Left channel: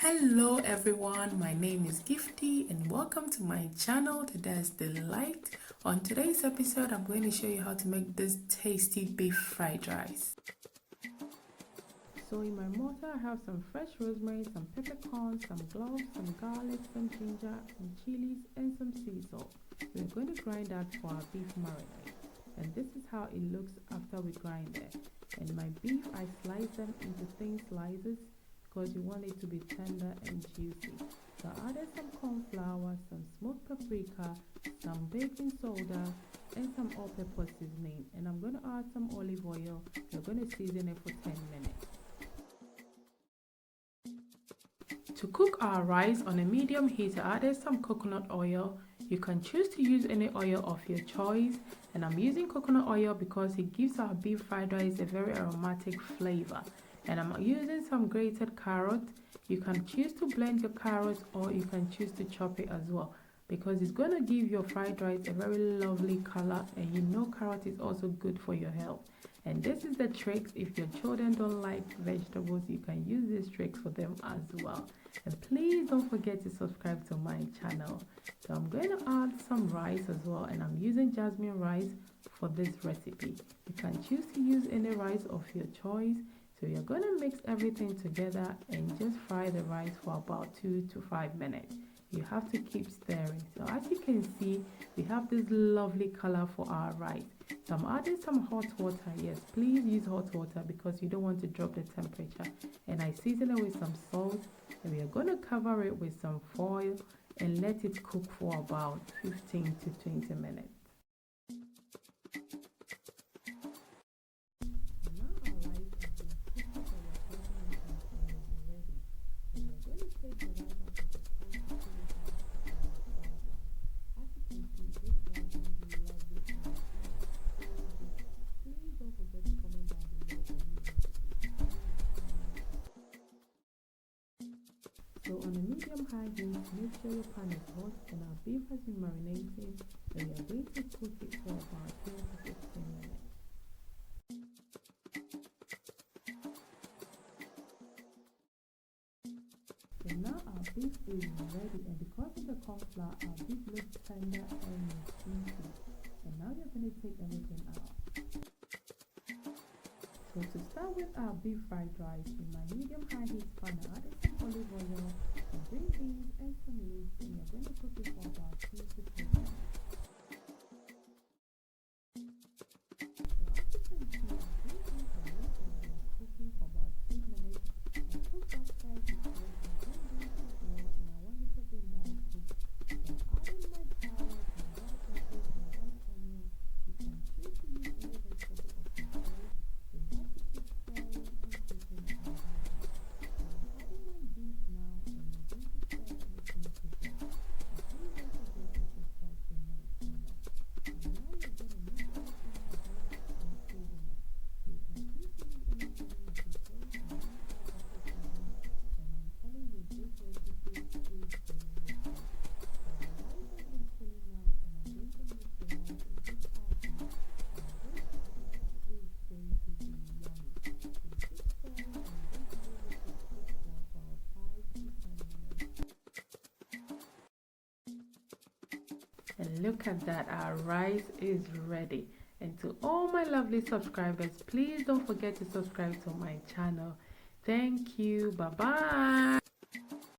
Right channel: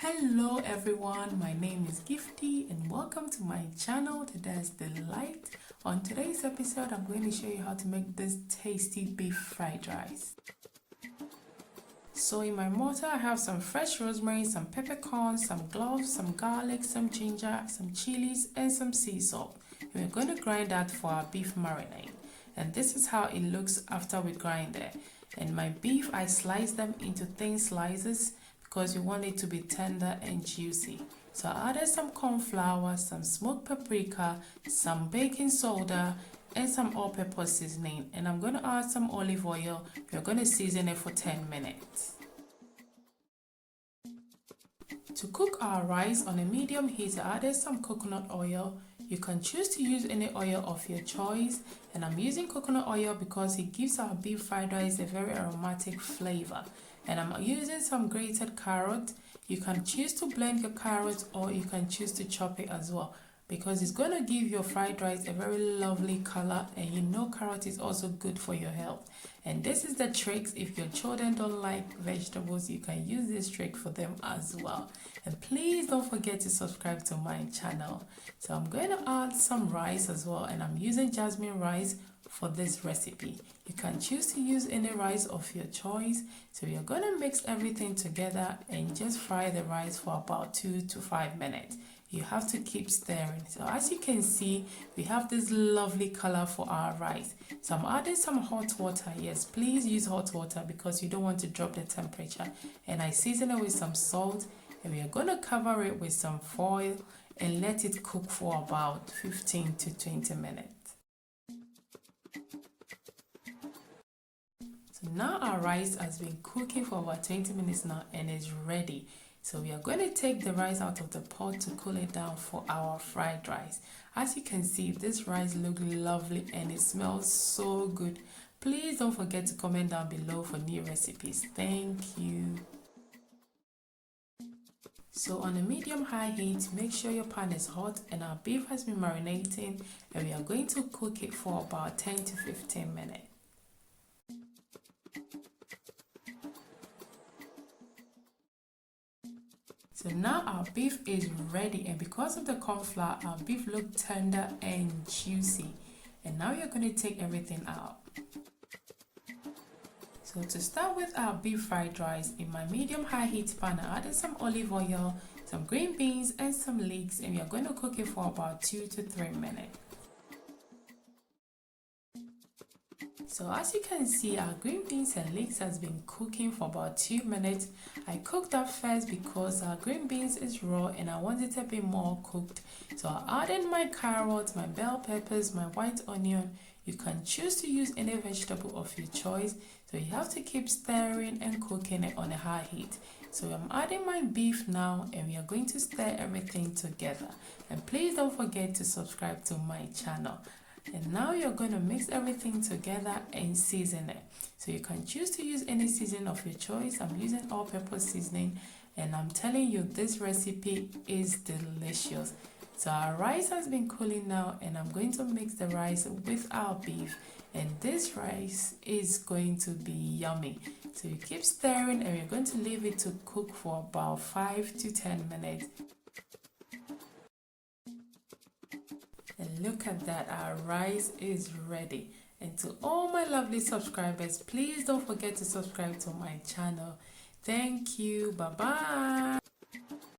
Hello everyone, my name is Gifty and welcome to my channel, Today's Delight. On today's episode, I'm going to show you how to make this tasty beef fried rice. So in my mortar, I have some fresh rosemary, some peppercorns, some cloves, some garlic, some ginger, some chilies, and some sea salt. We're going to grind that for our beef marinade. And this is how it looks after we grind it. And my beef, I slice them into thin slices because you want it to be tender and juicy. So I added some cornflour, some smoked paprika, some baking soda, and some all-purpose seasoning. And I'm going to add some olive oil. We're going to season it for 10 minutes. To cook our rice on a medium heat, I added some coconut oil. You can choose to use any oil of your choice, and I'm using coconut oil because it gives our beef fried rice a very aromatic flavor. And I'm using some grated carrot. You can choose to blend your carrots or you can choose to chop it as well, because it's going to give your fried rice a very lovely color, and you know carrot is also good for your health. And this is the trick. If your children don't like vegetables, you can use this trick for them as well. And please don't forget to subscribe to my channel. So I'm going to add some rice as well, and I'm using Jasmine rice for this recipe. You can choose to use any rice of your choice. So you're going to mix everything together and just fry the rice for about 2 to 5 minutes. You have to keep stirring. So as you can see, we have this lovely color for our rice. So I'm adding some hot water. Yes, please use hot water because you don't want to drop the temperature. And I season it with some salt, and we are going to cover it with some foil and let it cook for about 15 to 20 minutes. So now our rice has been cooking for about 20 minutes now and is ready. So we are going to take the rice out of the pot to cool it down for our fried rice. As you can see, this rice looks lovely and it smells so good. Please don't forget to comment down below for new recipes. Thank you. So on a medium-high heat, make sure your pan is hot, and our beef has been marinating, and we are going to cook it for about 10 to 15 minutes. So now our beef is ready, and because of the cornflour, our beef looks tender and juicy. And now you're going to take everything out. So to start with our beef fried rice, in my medium-high heat pan, I added some olive oil, some green beans, and some leeks, and we are going to cook it for about 2 to 3 minutes. So as you can see, our green beans and leeks has been cooking for about 2 minutes. I cooked that first because our green beans is raw and I want it a bit more cooked. So I added my carrots, my bell peppers, my white onion. You can choose to use any vegetable of your choice. So you have to keep stirring and cooking it on a high heat. So I'm adding my beef now, and we are going to stir everything together. And please don't forget to subscribe to my channel. And now you're going to mix everything together and season it. So you can choose to use any seasoning of your choice. I'm using all-purpose seasoning, and I'm telling you, this recipe is delicious. So our rice has been cooling now, and I'm going to mix the rice with our beef, and this rice is going to be yummy. So you keep stirring, and we're going to leave it to cook for about 5 to 10 minutes. And look at that, our rice is ready. And to all my lovely subscribers, please don't forget to subscribe to my channel. Thank you. Bye bye.